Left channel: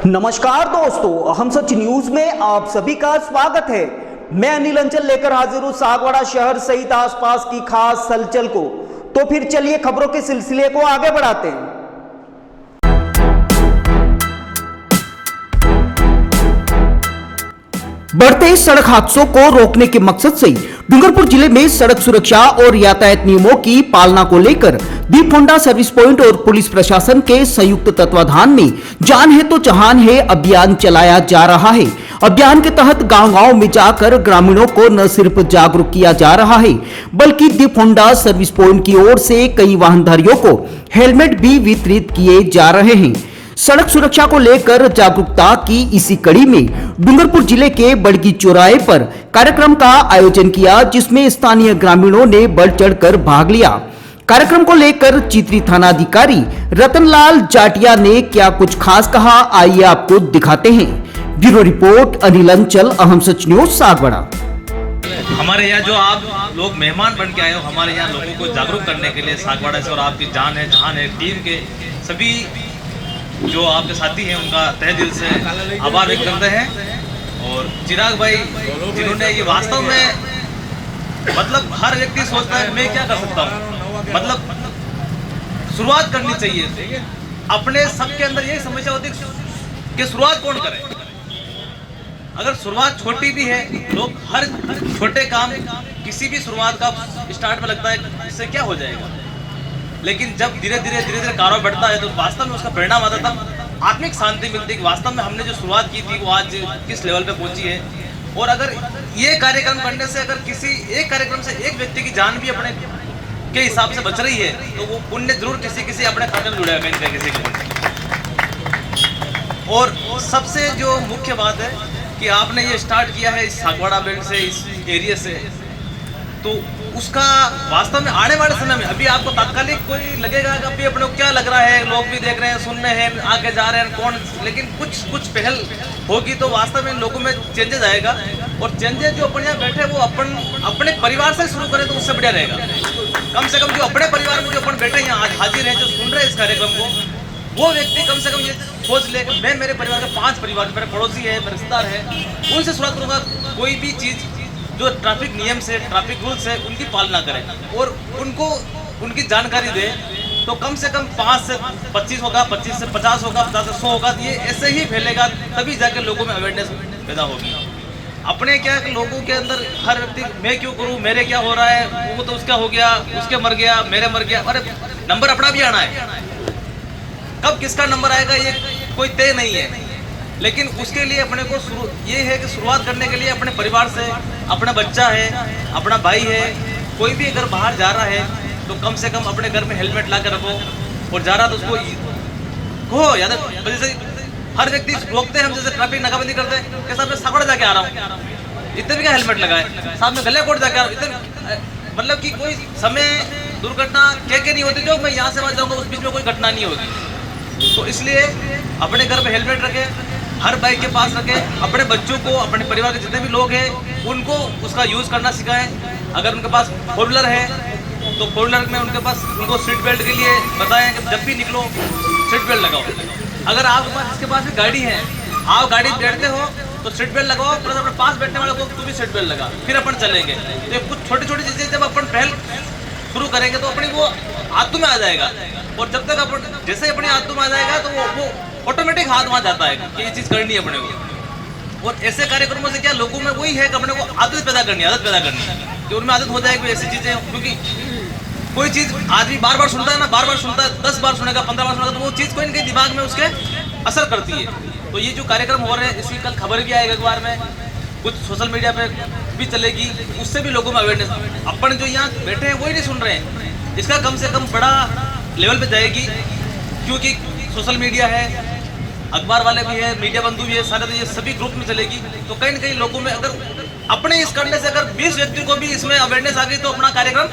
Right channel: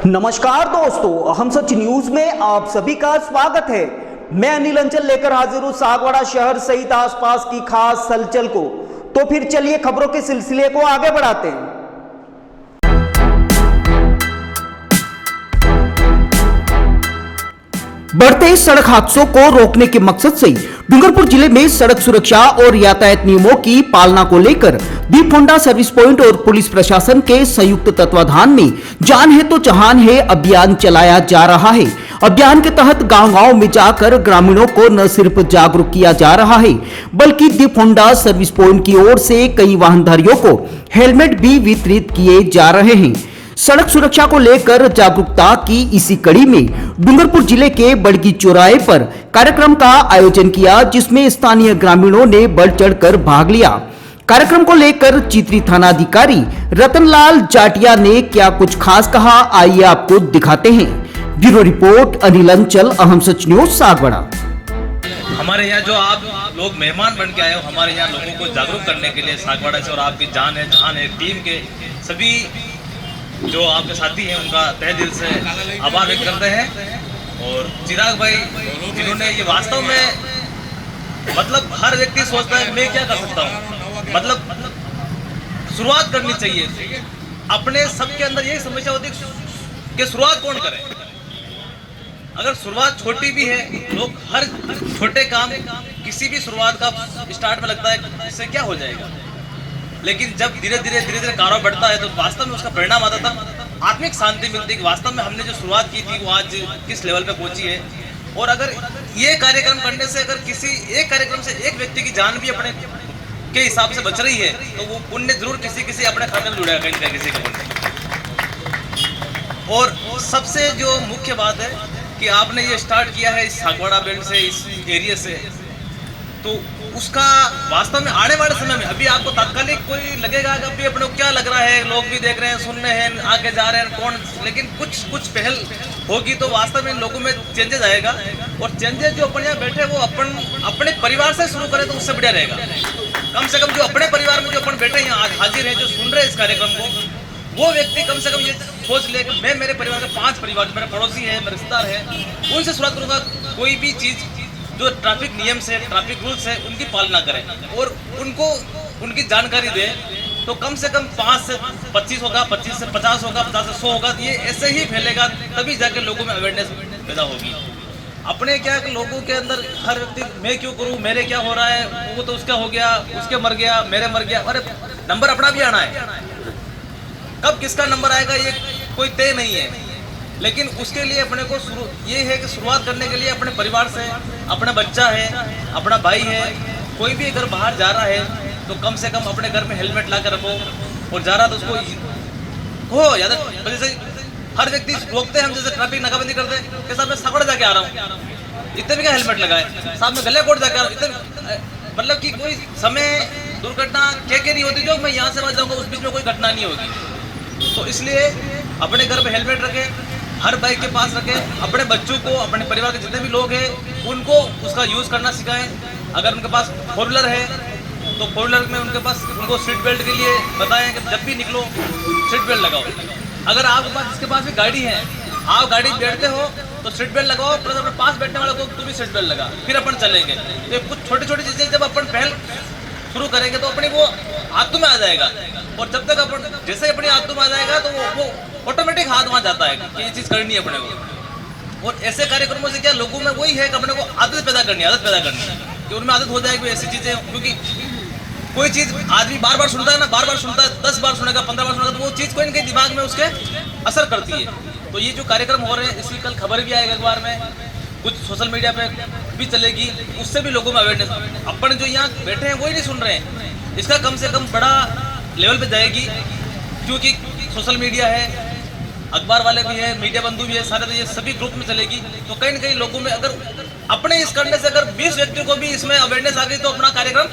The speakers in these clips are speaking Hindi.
नमस्कार दोस्तों, हम सच न्यूज में आप सभी का स्वागत है। मैं अनिल अंचल लेकर हाजिर हूं सागवाड़ा शहर सहित आसपास की खास हलचल को। तो फिर चलिए खबरों के सिलसिले को आगे बढ़ाते हैं। बढ़ते सड़क हादसों को रोकने के मकसद से डूंगरपुर जिले में सड़क सुरक्षा और यातायात नियमों की पालना को लेकर दीप होंडा सर्विस पॉइंट और पुलिस प्रशासन के संयुक्त तत्वाधान में जान है तो जहान है अभियान चलाया जा रहा है। अभियान के तहत गांव-गांव में जाकर ग्रामीणों को न सिर्फ जागरूक किया जा रहा है, बल्कि दीप होंडा सर्विस पॉइंट की ओर से कई वाहनधारियों को हेलमेट भी वितरित किए जा रहे हैं। सड़क सुरक्षा को लेकर जागरूकता की इसी कड़ी में डूंगरपुर जिले के बड़गी चौराहे पर कार्यक्रम का आयोजन किया, जिसमें स्थानीय ग्रामीणों ने बढ़ चढ़कर भाग लिया। कार्यक्रम को लेकर चित्री थानाधिकारी रतनलाल जाटिया ने क्या कुछ खास कहा, आइए आपको दिखाते हैं। ब्यूरो रिपोर्ट अनिल अंचल, अहम सच न्यूज सागवाड़ा। हमारे यहाँ जो आप लोग मेहमान बन के आए हो, हमारे यहाँ लोगों को जागरूक करने के लिए सागवाड़ा से, और आपकी जान है जहान है टीम के सभी जो आपके साथी हैं उनका तहे दिल से आभार व्यक्त करते हैं। और चिराग भाई जिन्होंने ये वास्तव में मतलब हर व्यक्ति सोचता है मैं क्या कर सकता हूँ, मतलब शुरुआत करनी चाहिए। अपने सबके अंदर यही समस्या होती है कि शुरुआत कौन करे। अगर शुरुआत छोटी भी है, लोग हर छोटे काम किसी भी शुरुआत का स्टार्ट में लगता है इससे क्या हो जाएगा, लेकिन जब धीरे धीरे कारोबार बढ़ता है तो वास्तव में उसका परिणाम आता है, तब आत्मिक शांति मिलती है। वास्तव में हमने जो शुरुआत की थी वो आज किस लेवल पे पहुंची है। और अगर ये कार्यक्रम करने से अगर किसी एक कार्यक्रम से एक व्यक्ति की जान भी अपने के हिसाब से बच रही है तो वो पुण्य जरूर किसी अपने खाते में जुड़ेगा कहीं ना किसी के। और सबसे जो मुख्य बात है कि आपने ये स्टार्ट किया है इस सागवाड़ा बेल्ट से, इस एरिया से, तो उसका वास्तव में आने वाले समय में अभी आपको तात्कालिक कोई लगेगा कि अभी अपने को क्या लग रहा है, लोग भी देख रहे हैं, सुन रहे हैं, आगे जा रहे हैं कौन, लेकिन कुछ पहल होगी तो वास्तव में लोगों में चेंजेस आएगा। और चेंजेस जो अपन यहाँ बैठे वो अपने परिवार से शुरू करें तो उससे बढ़िया रहेगा। कम से कम जो अपने परिवार में जो अपन बैठे यहाँ हाजिर हैं, जो सुन रहे हैं इस कार्यक्रम को, वो व्यक्ति कम से कम ये सोच ले कि मैं मेरे परिवार के 5 परिवार, मेरे पड़ोसी है, मेरे रिश्तेदार है, उनसे शुरुआत करूँगा। कोई भी चीज़ जो ट्रैफिक नियम से, ट्रैफिक रूल्स है, उनकी पालना करें और उनको उनकी जानकारी दें, तो कम से कम 5 से 25 होगा, 25 से 50 होगा, 50 से 100 होगा। तो ये ऐसे ही फैलेगा, तभी जाके लोगों में अवेयरनेस पैदा होगी। अपने क्या लोगों के अंदर हर व्यक्ति मैं क्यों करूं, मेरे क्या हो रहा है, वो तो उसका हो गया, उसके मर गया, मेरे मर गया। अरे नंबर अपना भी आना है, कब किसका नंबर आएगा ये कोई तय नहीं है। लेकिन उसके लिए अपने को ये है कि शुरुआत करने के लिए अपने परिवार से, अपना बच्चा है, अपना भाई है, कोई भी अगर बाहर जा रहा है तो कम से कम अपने घर में हेलमेट ला कर रखो। और जा रहा तो उसको हो याद है, जैसे हर व्यक्ति रोकते हैं हम, जैसे ट्रैफिक नाकाबंदी करते हैं कि साहब मैं सागवाड़ा जाके आ रहा हूँ, इतने भी क्या हेलमेट लगाए, साहब मैं गलेकोट जाके आ रहा हूँ, इतने मतलब कि कोई समय दुर्घटना क्या नहीं होती जो मैं यहाँ से वहाँ जाऊँगा उस बीच में कोई घटना नहीं होगी। तो इसलिए अपने घर में हेलमेट रखें, हर बाइक के पास रखें, अपने बच्चों को, अपने परिवार के जितने भी लोग हैं उनको उसका यूज़ करना सिखाएं। अगर उनके पास 4 व्हीलर है तो 4 व्हीलर में उनके पास उनको सीट बेल्ट के लिए बताएं कि जब भी निकलो सीट बेल्ट लगाओ। अगर आपके पास जिसके पास भी गाड़ी है, आप गाड़ी बैठते हो तो सीट बेल्ट लगाओ, प्लस अपने पास बैठने वाले को भी सीट बेल्ट लगा, फिर अपन चलेंगे। तो कुछ छोटी छोटी चीज़ें जब अपन पहल शुरू करेंगे तो अपनी वो आदतों में आ जाएगा। और जब तक अपन जैसे अपनी आदतों में आ जाएगा तो वो ऑटोमेटिक हाथ वहाँ जाता है कि ये चीज़ करनी है अपने को। और ऐसे कार्यक्रमों से क्या लोगों में वही है कि अपने को आदत पैदा करनी है कि उनमें आदत हो जाए कि ऐसी चीज़ें, क्योंकि कोई चीज़ आदमी बार बार सुनता है ना, बार बार सुनता है, 10 बार सुनेगा, 15 बार सुनेगा, तो वो चीज़ कोई इनके दिमाग में उसके असर करती है। तो ये जो कार्यक्रम हो रहे हैं इसकी कल खबर भी आएगा अखबार में, कुछ सोशल मीडिया पे भी चलेगी, उससे भी लोगों में अवेयरनेस। अपन जो यहाँ बैठे हैं वही नहीं सुन रहे हैं, इसका कम से कम बड़ा लेवल पे जाएगी, क्योंकि सोशल मीडिया है, अखबार वाले भी हैं, मीडिया बंधु भी है, सारे ये सभी ग्रुप में चलेगी। तो कहीं ना कहीं लोगों में अगर अपने इस करने से अगर 20 व्यक्ति को भी इसमें अवेयरनेस आ गई तो अपना कार्यक्रम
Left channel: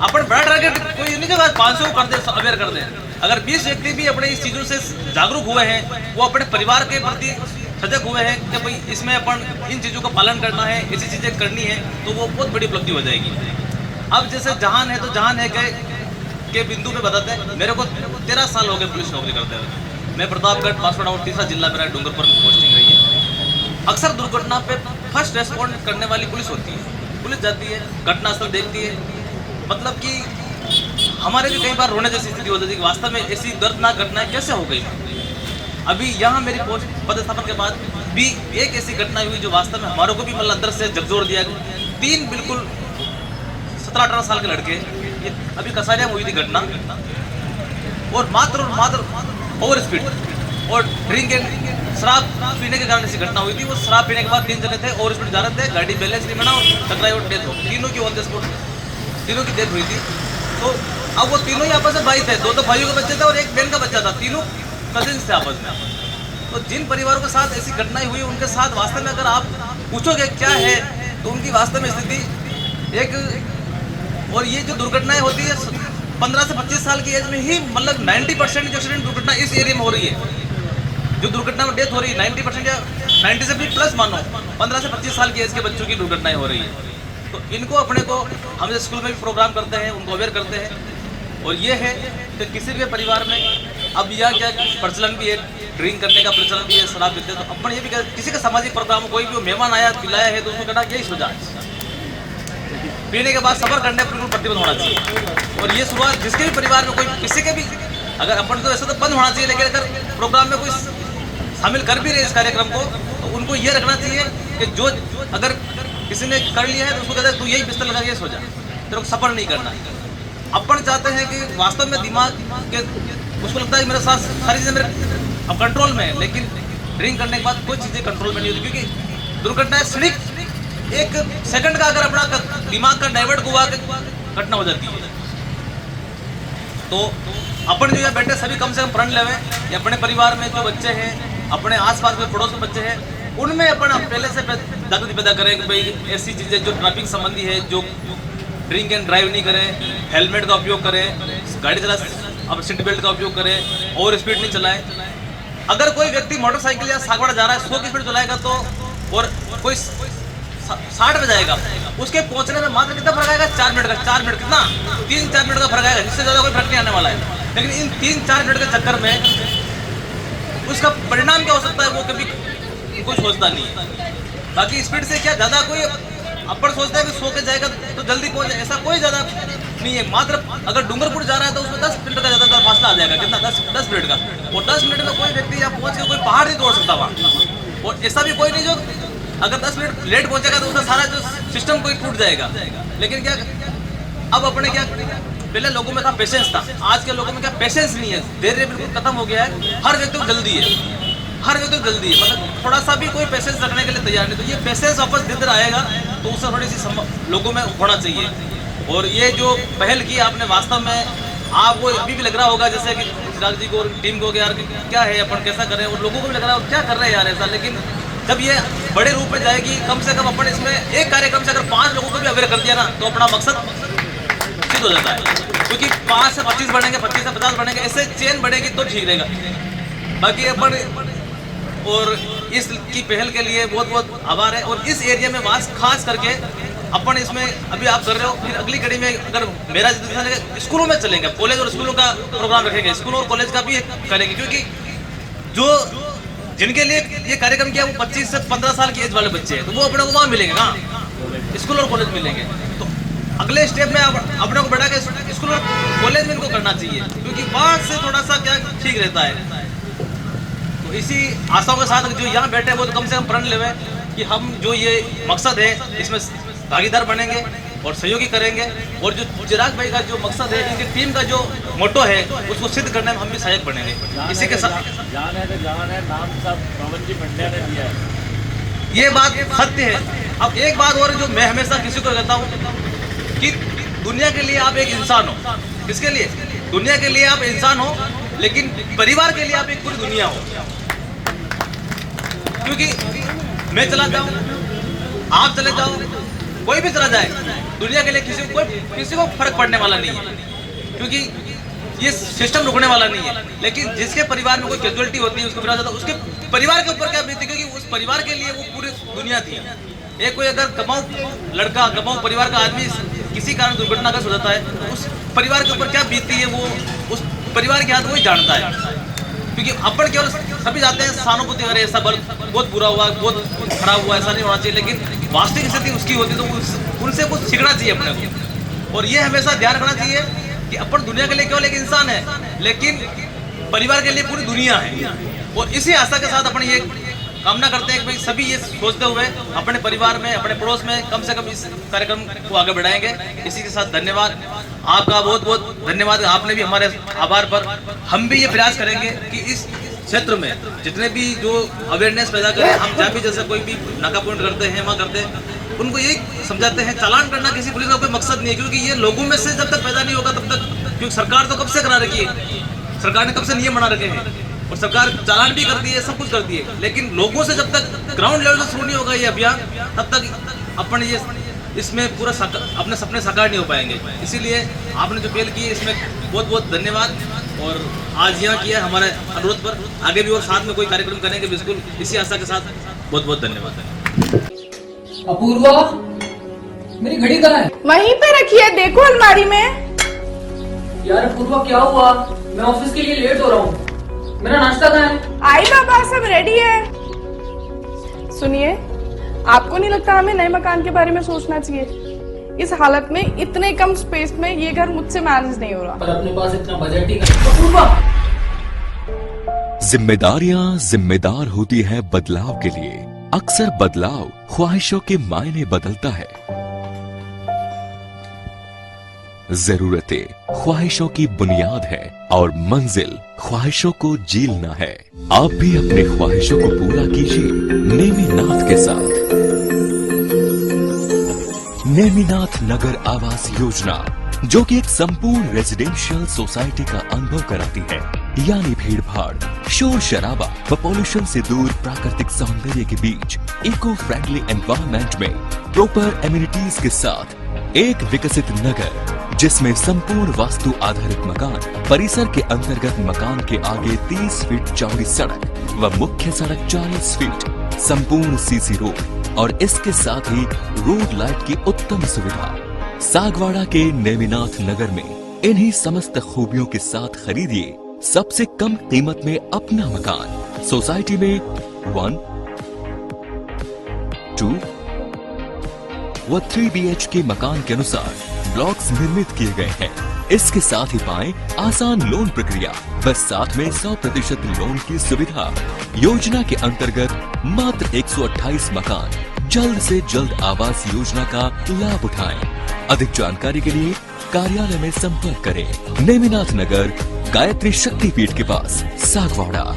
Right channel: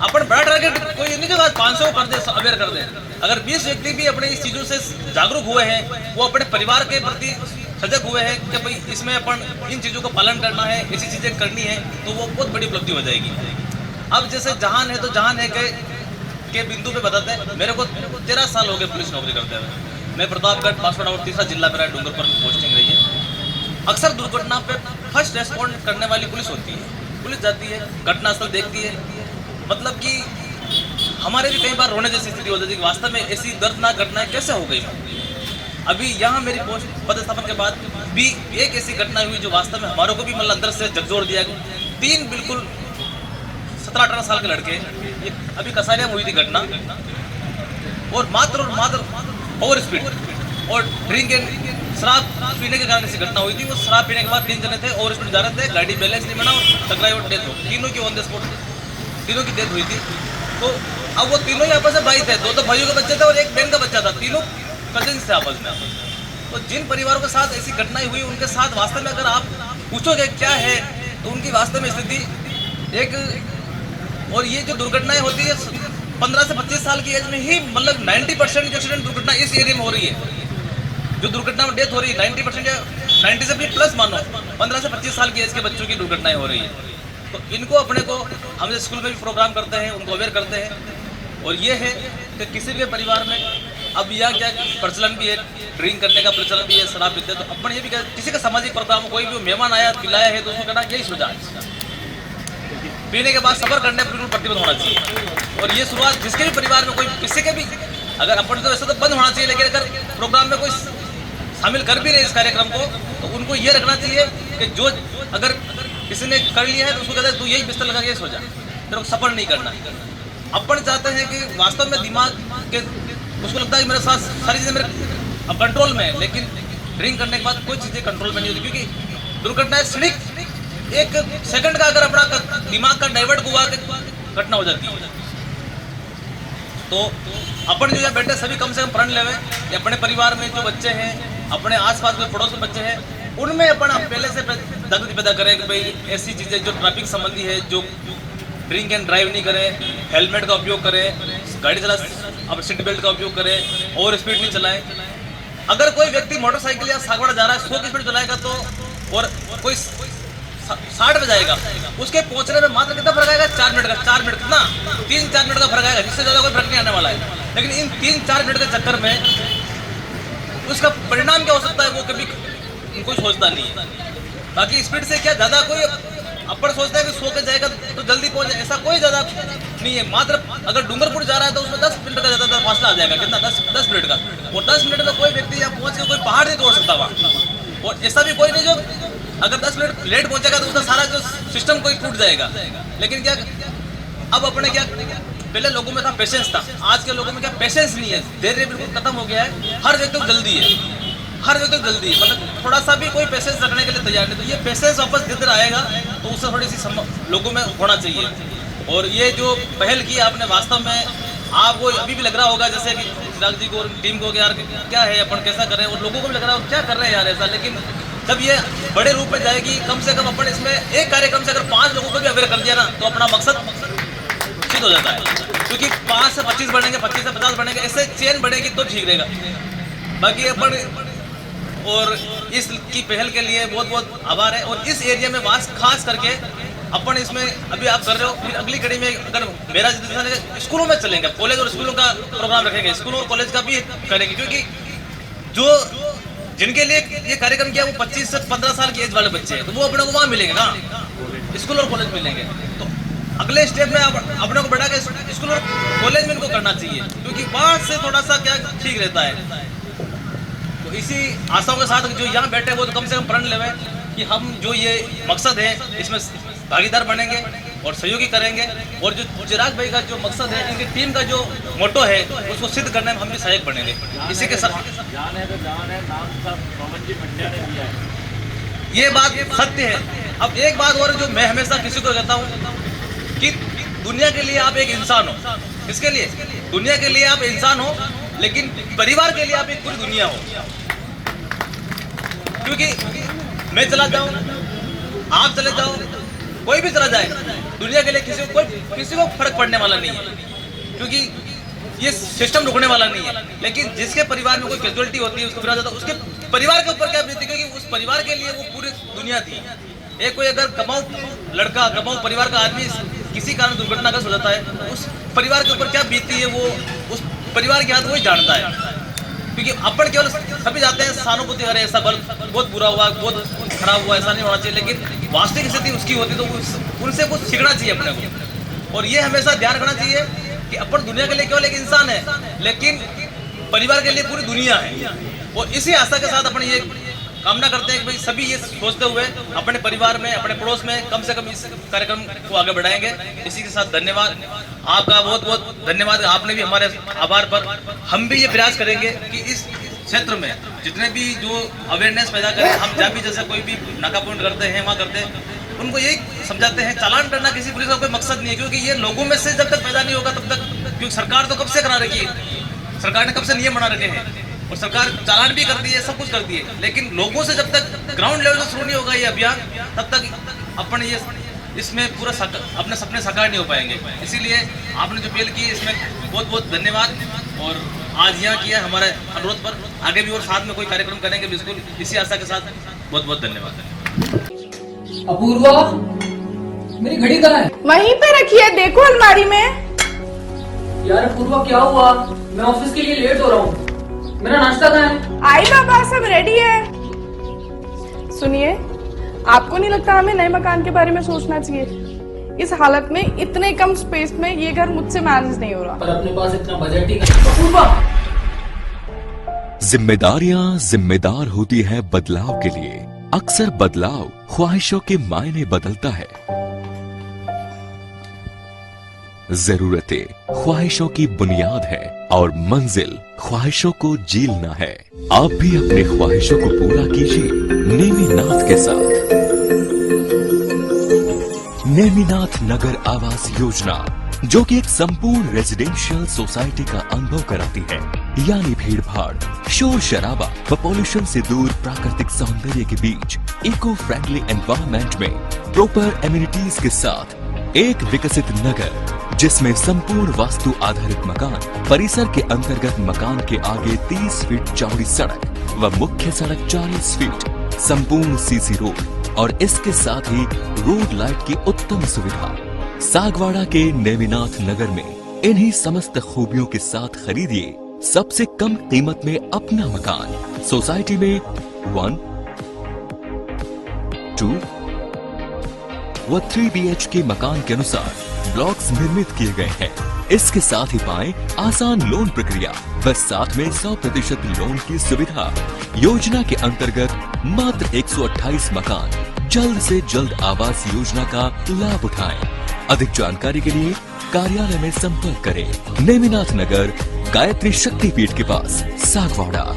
अपन बड़ा टारगेट कोई नहीं जो 500 कर दे, अवेयर कर दे। अगर 20 व्यक्ति भी अपने इस चीज़ों से जागरूक हुए हैं, वो अपने परिवार के प्रति सजग हुए हैं कि भाई इसमें अपन इन चीज़ों का पालन करना है, ऐसी चीज़ें करनी है, तो वो बहुत बड़ी उपलब्धि हो जाएगी। अब जैसे जहान है तो जहान है के बिंदु पे बताते हैं। मेरे को 13 साल हो गए पुलिस नौकरी करते हुए। मैं प्रतापगढ़ पासपोर्ट आउट तीसरा जिला मेरा डूंगरपुर में पोस्टिंग रही है। अक्सर दुर्घटना पे फर्स्ट रेस्पॉन्ड करने वाली पुलिस होती है। पुलिस जाती है, घटनास्थल देखती है, मतलब कि हमारे भी कई बार रोने जैसी स्थिति हो जाती है। वास्तव में ऐसी दर्दनाक घटनाएं कैसे हो गई। अभी यहाँ मेरी पोस्ट पदस्थापन के बाद भी एक ऐसी घटना हुई जो वास्तव में हमारे को भी मतलब अंदर से झकझोर दिया। 3 बिल्कुल 17-18 साल के लड़के, ये अभी कसारिया में हुई थी घटना, और मात्र ओवर स्पीड और ड्रिंक एंड शराब पीने के कारण ऐसी घटना हुई थी। वो शराब पीने के बाद 3 जने थे, ओवर स्पीड जा रहे थे, गाड़ी बैलेंस नहीं बना और टकराई और डेथ हो गई। तीनों की ऑन द स्पॉट, तीनों की डेथ हुई थी। तो अब वो तीनों ही आपस में भाई थे, 2 तो भाइयों के बच्चे थे और एक बहन का बच्चा था, तीनों कजिन्स थे आपस में। तो जिन परिवारों के साथ ऐसी घटनाएं हुई उनके साथ वास्तव में अगर आप पूछोगे क्या है तो उनकी वास्तव में स्थिति एक, और ये जो दुर्घटनाएं होती है 15 से 25 साल की एज में ही, मतलब 90% जो एक्सीडेंट दुर्घटना इस एरिया में हो रही है, जो दुर्घटना में डेथ हो रही है 90% या 90 से भी प्लस मानो 15 से 25 साल की एज के बच्चों की दुर्घटनाएं हो रही है। तो इनको अपने को हम स्कूल में भी प्रोग्राम करते हैं, उनको अवेयर करते हैं। और ये है कि किसी भी परिवार में अब यह क्या प्रचलन भी है, ड्रिंक करने का प्रचलन भी है, शराब पीते हैं। तो अपन ये भी किसी का सामाजिक प्रोग्राम, कोई भी मेहमान आया पिलाया है तो उसमें कहना यही सुझाव, पीने के बाद सफर करने पर बिल्कुल प्रतिबंध होना चाहिए। और ये शुरुआत जिसके भी परिवार में कोई किसी के भी, अगर अपन तो ऐसा तो बंद होना चाहिए, लेकिन अगर प्रोग्राम में कोई शामिल कर भी रहे इस कार्यक्रम को तो उनको ये रखना चाहिए कि जो अगर किसी ने कर लिया है तो उसको कहते हैं तू यही बिस्तर लगा के सो जा, तेरे को सफर नहीं करना। अपन चाहते हैं कि वास्तव में दिमाग के उसको लगता है मेरे साथ सारी चीज़ें मेरे कंट्रोल में है, लेकिन ड्रिंक करने के बाद कोई चीज़ें कंट्रोल में नहीं होती, क्योंकि दुर्घटना क्षणिक 1 सेकंड का अगर अपना दिमाग का डाइवर्ट हुआ घटना हो जाती है। तो अपन जो यहाँ बैठे सभी कम से कम प्रण लेवे, अपने परिवार में जो बच्चे हैं, अपने आसपास में पड़ोस में बच्चे हैं, उनमें अपन पहले से जागृति पैदा करें कि भाई ऐसी चीज़ें जो ट्रैफिक संबंधी है, जो ड्रिंक एंड ड्राइव नहीं करें, हेलमेट का उपयोग करें, गाड़ी चला अब सीट बेल्ट का उपयोग करें, ओवर स्पीड नहीं चलाएं। अगर कोई व्यक्ति मोटरसाइकिल या सागवाड़ा जा रहा है 100 की स्पीड चलाएगा तो, और कोई 60 में जाएगा, उसके पहुंचने में मात्र कितना फर्क आएगा? 4 मिनट का। 4 मिनट कितना? 3-4 मिनट का फर्क आएगा, इससे ज़्यादा कोई फर्क नहीं आने वाला है। लेकिन इन 3-4 मिनट के चक्कर में उसका परिणाम क्या हो सकता है वो कभी कोई सोचता नहीं है। बाकी स्पीड से क्या ज़्यादा कोई अपन सोचता है कि 100 के जाएगा तो जल्दी पहुंच जाए, ऐसा कोई ज़्यादा नहीं है। मात्र अगर डूंगरपुर जा रहा है तो उसमें 10 मिनट का ज़्यादा फासला आ जाएगा। कितना? 10 मिनट का। और 10 मिनट में कोई व्यक्ति यहाँ पहुँच के कोई पहाड़ नहीं तोड़ सकता वहाँ। और ऐसा भी कोई नहीं जो अगर 10 मिनट लेट पहुँचेगा तो उसका सारा जो सिस्टम कोई टूट जाएगा। लेकिन क्या अब अपने क्या पहले लोगों में था पेशेंस था, आज के लोगों में क्या पेशेंस नहीं है, धैर्य बिल्कुल खत्म हो गया है। हर व्यक्ति को जल्दी है, हर व्यक्ति को जल्दी, मतलब थोड़ा सा भी कोई पेशेंस रखने के लिए तैयार नहीं। तो ये पेशेंस वापस धीरे आएगा तो उससे थोड़ी सी लोगों में होना चाहिए। और ये जो पहल की आपने वास्तव में आपको अभी भी लग रहा होगा जैसे कि चिराग जी को और टीम को यार क्या है अपन कैसा कर रहे हैं, और लोगों को भी लग रहा है क्या कर रहे हैं यार ऐसा। लेकिन जब ये बड़े रूप में जाएगी, कम से कम अपन इसमें एक कार्यक्रम से अगर 5 लोगों को भी अवेयर कर दिया ना तो अपना मकसद सिद्ध हो जाता है। क्योंकि 5 से 25 बढ़ेंगे, 25 से 50 बढ़ेंगे, ऐसे चेन बढ़ेगी तो ठीक रहेगा। बाकी अपन और इसकी पहल के लिए बहुत बहुत आभार है। और इस एरिया में खास करके अपन इसमें अभी आप कर रहे हो, फिर अगली कड़ी में अगर मेरा स्कूलों में चलेंगे, कॉलेज और स्कूलों का प्रोग्राम रखेंगे, स्कूल और कॉलेज का भी करेंगे। क्योंकि जो जिनके लिए ये कार्यक्रम किया वो 25 से 15 साल की एज वाले बच्चे हैं, तो वो अपने को वहाँ मिलेंगे ना, स्कूल और कॉलेज मिलेंगे। तो अगले स्टेज में अपने को बढ़ा के स्कूल और कॉलेज में इनको करना चाहिए, क्योंकि वहाँ से थोड़ा सा क्या ठीक रहता है। तो इसी आशाओं के साथ जो यहाँ बैठे वो तो कम से कम प्रण लेवे कि हम जो ये मकसद है इसमें भागीदार बनेंगे और सहयोगी करेंगे। और जो चिराग भाई का जो मकसद है, इनकी टीम का जो मोटो है उसको सिद्ध करने में हम भी सहायक बनेंगे। इसी के साथ ये बात सत्य है। अब एक बात और जो मैं हमेशा किसी को कहता हूँ कि दुनिया के लिए आप एक इंसान हो। किसके लिए? दुनिया के लिए आप इंसान हो। लेकिन परिवार के लिए आप एक पूरी दुनिया हो। क्योंकि मैं चला जाऊं, आप चले जाओ, कोई भी चला जाए, दुनिया के लिए किसी को फर्क पड़ने वाला नहीं है, क्योंकि ये सिस्टम रुकने वाला नहीं है। लेकिन जिसके परिवार में कोई कैजुअलिटी होती है, उसको फिर जाता है, उसके परिवार के ऊपर क्या बीतती है, क्योंकि उस परिवार के लिए वो पूरी दुनिया थी। एक कोई अगर कमाऊ लड़का, कमाऊ परिवार का आदमी किसी कारण दुर्घटनाग्रस्त हो जाता है, तो उस परिवार के ऊपर क्या बीतती है वो उस परिवार के हाथ वही जानता है। क्योंकि अपन केवल सभी जाते हैं सहानुभूति, अरे ऐसा बहुत बुरा हुआ, बहुत खराब हुआ, ऐसा नहीं होना चाहिए, लेकिन वास्तविक स्थिति उसकी होती तो उनसे कुछ सीखना चाहिए अपने को। और ये हमेशा ध्यान रखना चाहिए कि अपन दुनिया के लिए केवल एक इंसान है, लेकिन परिवार के लिए पूरी दुनिया है। और इसी आशा के साथ अपन ये कामना करते हैं कि भाई सभी ये सोचते हुए अपने परिवार में, अपने पड़ोस में कम से कम इस कार्यक्रम को आगे बढ़ाएंगे। इसी के साथ धन्यवाद, आपका बहुत बहुत धन्यवाद। आपने भी हमारे आभार पर हम भी ये प्रयास करेंगे कि इस क्षेत्र में जितने भी जो अवेयरनेस पैदा करें, हम जहाँ भी जैसे कोई भी नाका पॉइंट करते हैं, वहाँ करते हैं, उनको ये समझाते हैं चालान करना किसी पुलिस का कोई मकसद नहीं है, क्योंकि ये लोगों में से जब तक पैदा नहीं होगा तब तक, क्योंकि सरकार तो कब से करा रखी है, सरकार ने कब से नियम बना रखे हैं और सरकार चालान भी करती है, सब कुछ करती है, लेकिन लोगों से जब तक ग्राउंड लेवल से शुरू नहीं होगा ये अभियान, तब तक अपन ये इसमें पूरा अपने सपने साकार नहीं हो पाएंगे। इसीलिए आपने जो पहल की है इसमें बहुत बहुत धन्यवाद। और आज यहाँ किया हमारे अनुरोध पर, आगे भी और साथ में कोई कार्यक्रम करेंगे बिल्कुल इसी आशा के साथ। बहुत बहुत धन्यवाद। अपूर्वा, मेरी घड़ी कहाँ है? वहीं पे रखी है, देखो अलमारी में। यार अपूर्वा क्या हुआ? मैं ऑफिस के लिए लेट हो रहा हूँ। मेरा नाश्ता कहाँ है? आई बाबा, सब रेडी है। सुनिए, आपको नहीं लगता हमें नए मकान के बारे में सोचना चाहिए? इस हालत में इतने कम स्पेस में ये घर मुझसे मैनेज नहीं हो रहा। पर अपने पास इतना बजट ही नहीं। अपूर्वा, जिम्मेदारियां जिम्मेदार होती है बदलाव के लिए। अक्सर बदलाव ख्वाहिशों के मायने बदलता है। जरूरतें ख्वाहिशों की बुनियाद है और मंजिल ख्वाहिशों को जीलना है। आप भी अपने ख्वाहिशों को पूरा कीजिए नेमिनाथ के साथ। नेमिनाथ नगर आवास योजना, जो कि एक संपूर्ण रेजिडेंशियल सोसाइटी का अनुभव कराती है, यानी भीड़ भाड़, शोर शराबा व पॉल्यूशन से दूर प्राकृतिक सौंदर्य के बीच इको फ्रेंडली एनवायरनमेंट में प्रॉपर एमिनिटीज के साथ एक विकसित नगर, जिसमें संपूर्ण वास्तु आधारित मकान, परिसर के अंतर्गत मकान के आगे 30 फीट चौड़ी सड़क व मुख्य सड़क 40 फीट, संपूर्ण सीसी रोड और इसके साथ ही रोड लाइट की उत्तम सुविधा। सागवाड़ा के नेमिनाथ नगर में इन्हीं समस्त खूबियों के साथ खरीदिए सबसे कम कीमत में अपना मकान। सोसाइटी में 1, 2 व 3 BHK मकान के अनुसार ब्लॉक्स निर्मित किए गए हैं। इसके साथ ही पाएं आसान लोन प्रक्रिया व साथ में 100% लोन की सुविधा। योजना के अंतर्गत मात्र 128 मकान जल्द से जल्द आवास योजना का लाभ उठाएं। अधिक जानकारी के लिए कार्यालय में संपर्क करें। नेमिनाथ नगर, गायत्री शक्तिपीठ के पास, सागवाड़ा।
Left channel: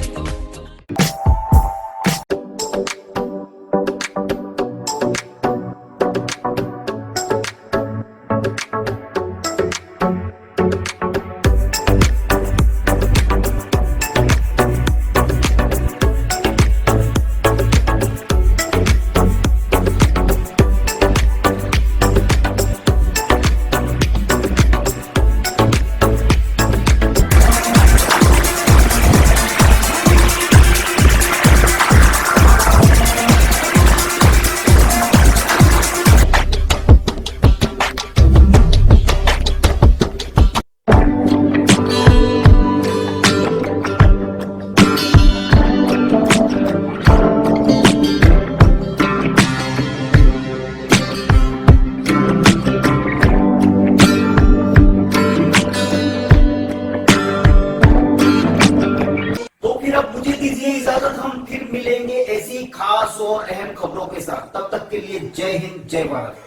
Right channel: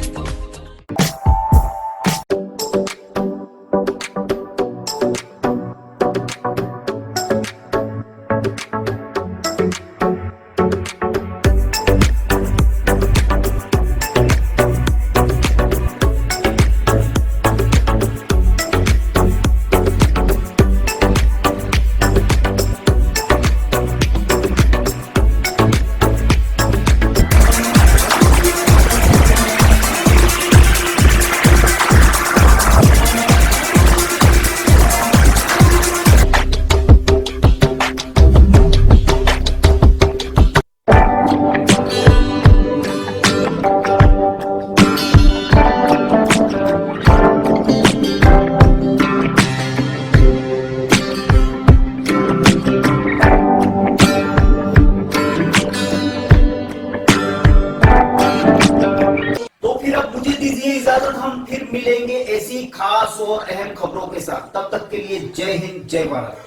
हम फिर मिलेंगे ऐसी खास और अहम खबरों के साथ। तब तक के लिए जय हिंद, जय भारत।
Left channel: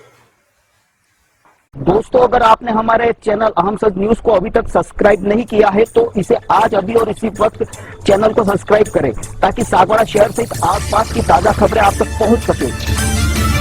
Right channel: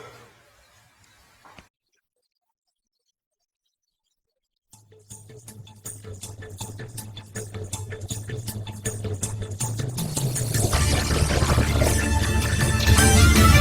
दोस्तों, अगर आपने हमारे चैनल अहम सच न्यूज को अभी तक सब्सक्राइब नहीं किया है तो इसे आज अभी और इसी वक्त चैनल को सब्सक्राइब करें, ताकि सागवाड़ा शहर से आसपास की ताजा खबरें आप तक पहुंच सके।